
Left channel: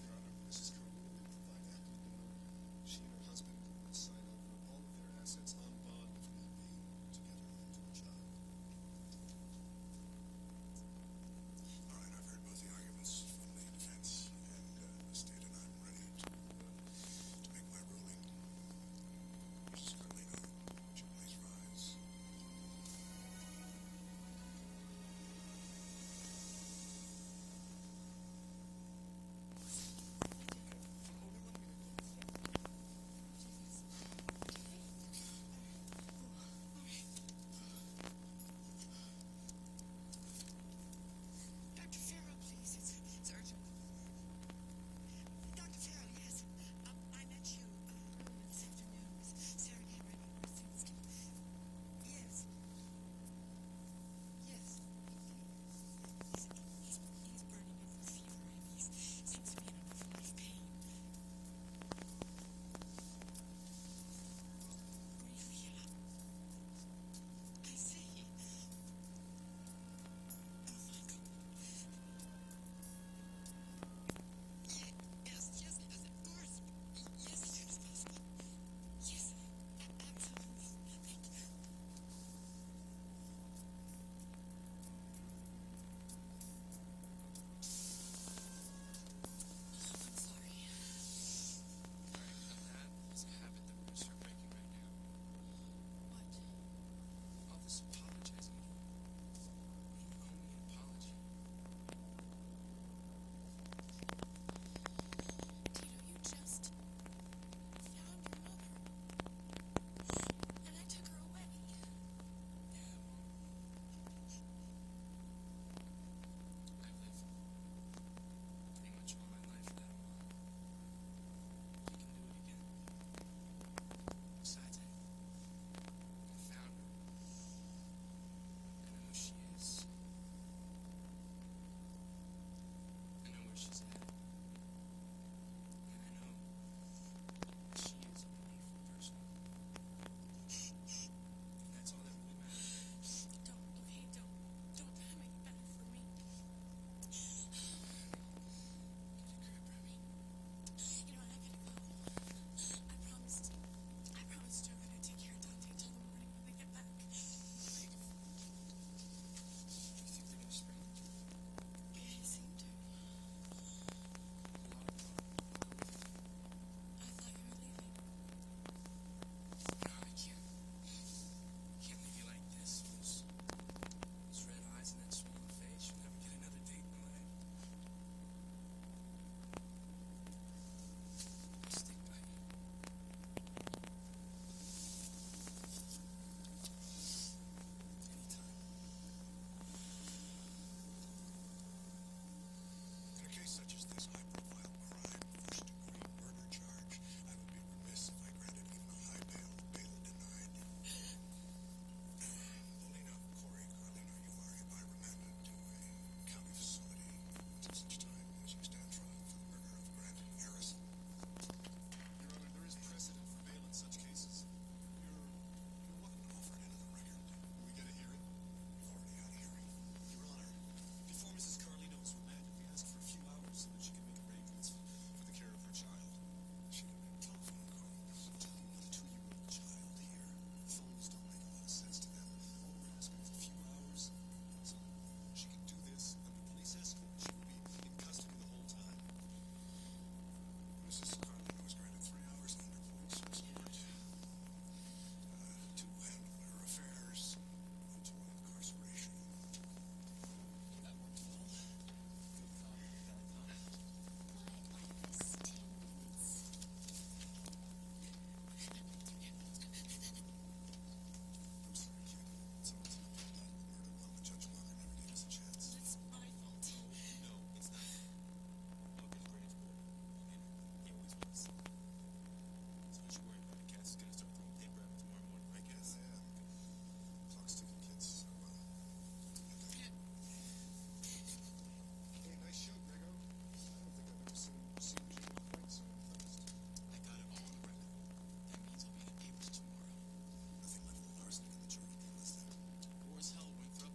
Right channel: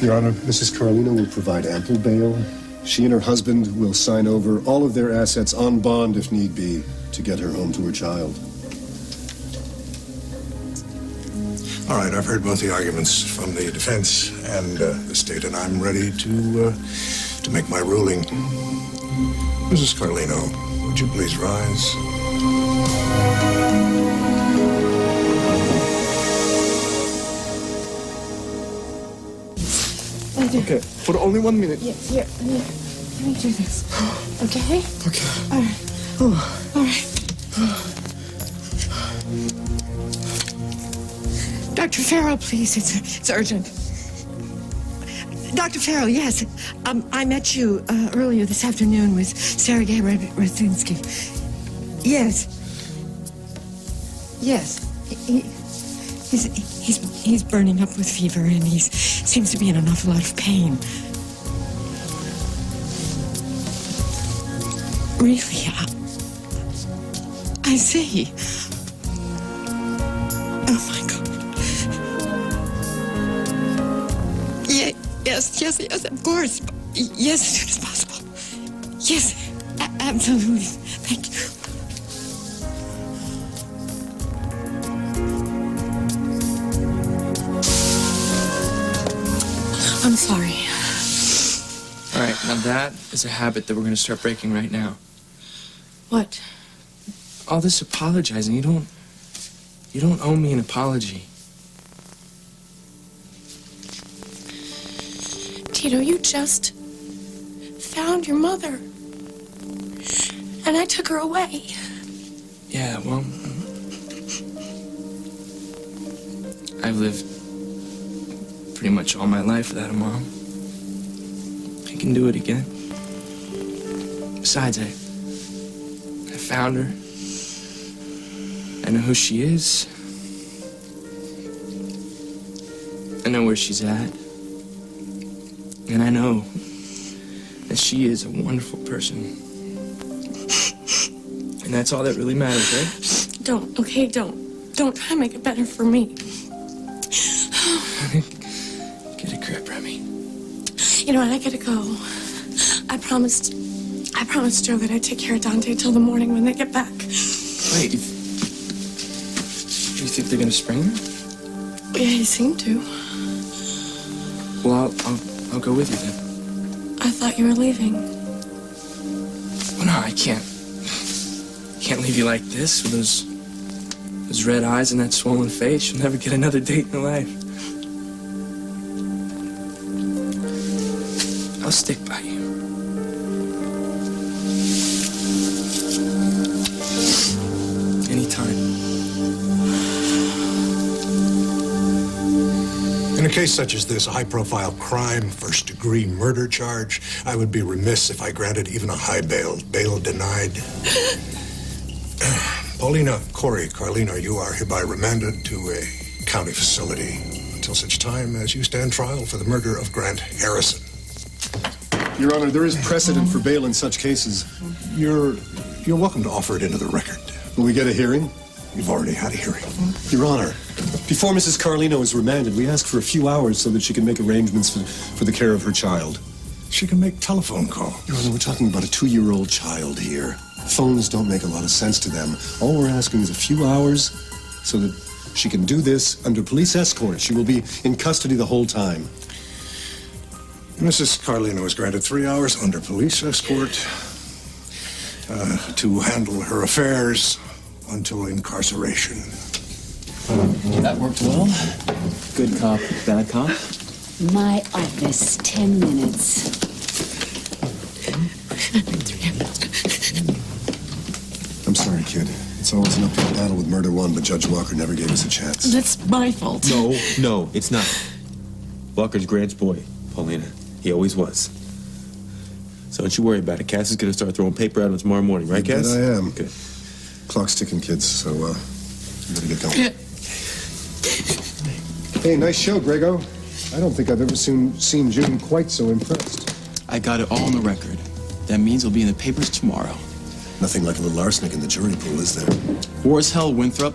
Your Honor, Mrs. Carlino will provide ample bail. She and her husband will sign over all of their assets on bond, if need be, to get her home to her child. All right, I've heard both the arguments from the defense and the state, and I'm ready to make my ruling. Mrs. Carlino, would you please rise? Okay, for only 1 minute. Yeah, let me do this. Okay? Okay. All right. All right. Dr. Farrell, please. It's urgent. Dr. Farrell, yes. I met you earlier this afternoon with Sergei Radzinski. Yes. Yes. He's burning up with fever, and he seems to be in an awful lot of pain. Really? I see. Oh, my God. Yes, of course. Yes, as soon as possible. Yes, absolutely. Thank you. I'm sorry. All right, now that is a habit that we're going to start breaking right now. What? All this apologizing, you don't owe me an apology. Tito, you just found your mother. And I took her away. Yeah, well, I've lived pretty much all my life without a mom. I can do it again. Besides, I found her. I know who she is. I know where she's at. And I know that she is a wonderful person. And that's all that really matters, right? Don't try to make it better for me. Get a grip, Remy. You know what, I gotta go. I promised Joe that I'd take care of Dante till the morning when they get back. Wait, you think they're gonna spring her? Yeah, he seemed to. Well, I'll go with you then. I thought you were leaving. Well, no, I can't leave you like this with those red eyes and that swollen face. You'll never get another date in your life. I'll stick by you. Anytime. In a case such as this, a high-profile crime, first-degree murder charge, I would be remiss if I granted even a high bail. Bail denied. Paulina, Corey, Carlino, you are hereby remanded to a county facility until such time as you stand trial for the murder of Grant Harrison. Your Honor, there is precedent for bail in such cases. You're welcome to offer it into the record. Will we get a hearing? You've already had a hearing. Your Honor, before Mrs. Carlino is remanded, we ask for a few hours so that she can make arrangements for the care of her child. She can make telephone calls. Your Honor, we're talking about a 2-year-old child here. Phones don't make a lot of sense to them. All we're asking is a few hours so that she can do this under police escort. She will be in custody the whole time. Mrs. Carlino is granted 3 hours under police escort to handle her affairs until incarceration. That worked well. Good cop, bad cop. My office, 10 minutes. I'm sorry, kid. It's always an uphill battle with Murder One, but Judge Walker never gave us a chance. That's my fault. No, it's not. Walker's Grant's boy, Paulina. He always was. So don't you worry about it. Cass is going to start throwing paper out on tomorrow morning, right, Cass? I am. Good. Clock's ticking, kids, so, we better get going. Hey, nice show, Grego. I don't think I've ever seen June quite so impressed. I got it all on the record. That means it'll be in the papers tomorrow. Nothing like a little arsenic in the jury pool, is there? War as hell, Winthrop.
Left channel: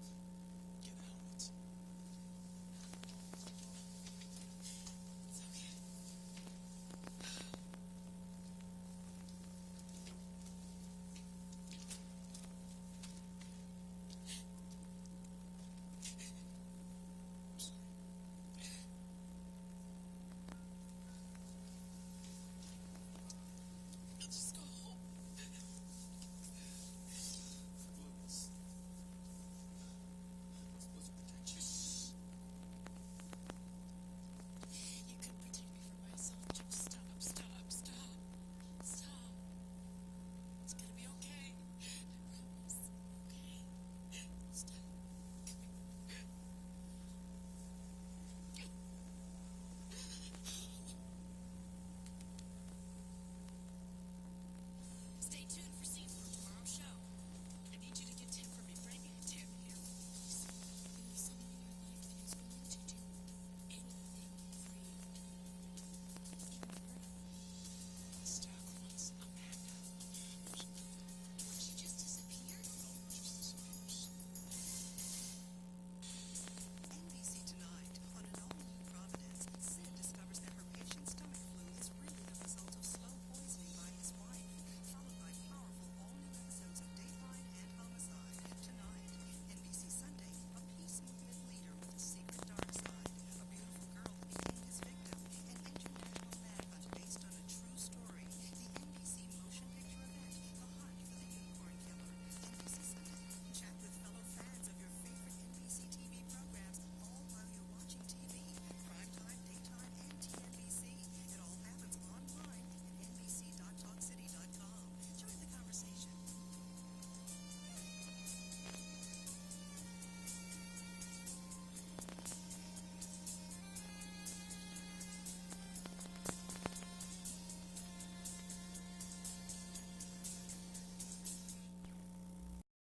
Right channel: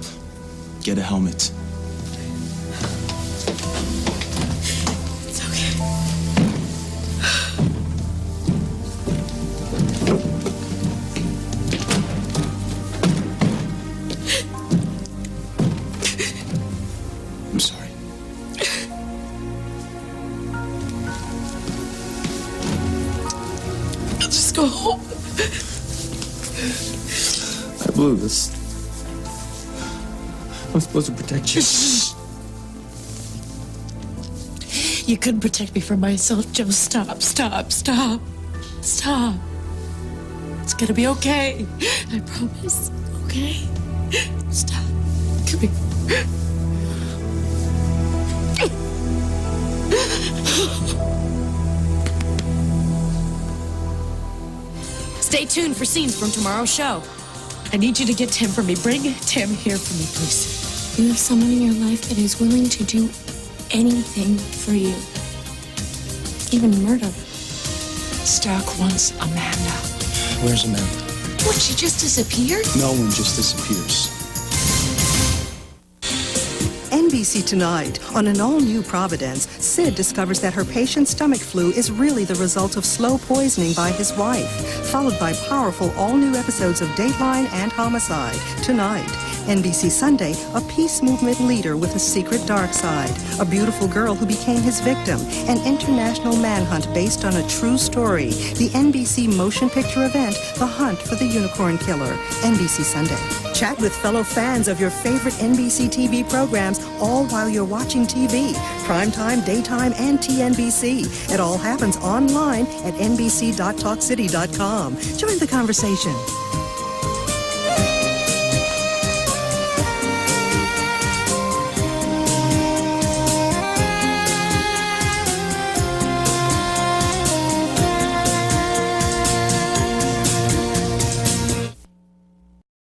Get a helmet. It's okay. I'm sorry. I'll just go home. I blew this. I'm supposed to protect you. You couldn't protect me from myself, Joe. Stop. It's gonna be okay. I promise. Okay? Stop. Come here. Stay tuned for scenes from tomorrow's show. I need you to get Tim for me. Bring Tim here for me, please. You have someone in your life that is willing to do anything for you. Even murder. Stark wants Amanda. Where's Amanda? What, she just disappeared? No one just disappears. NBC Tonight. On an all-new Providence, Sid discovers that her patient's stomach flu is really the result of slow poisoning by his wife, followed by powerful all-new episodes of Dateline and Homicide. Tonight. NBC Sunday, a peace movement leader with a secret dark side, a beautiful girl who became his victim, an international manhunt based on a true story, the NBC motion picture event, The Hunt for the Unicorn Killer, NBC Sunday. Chat with fellow fans of your favorite NBC TV programs, all while you're watching TV, primetime, daytime, and TNBC. It all happens online at nbc.talkcity.com. Join the conversation.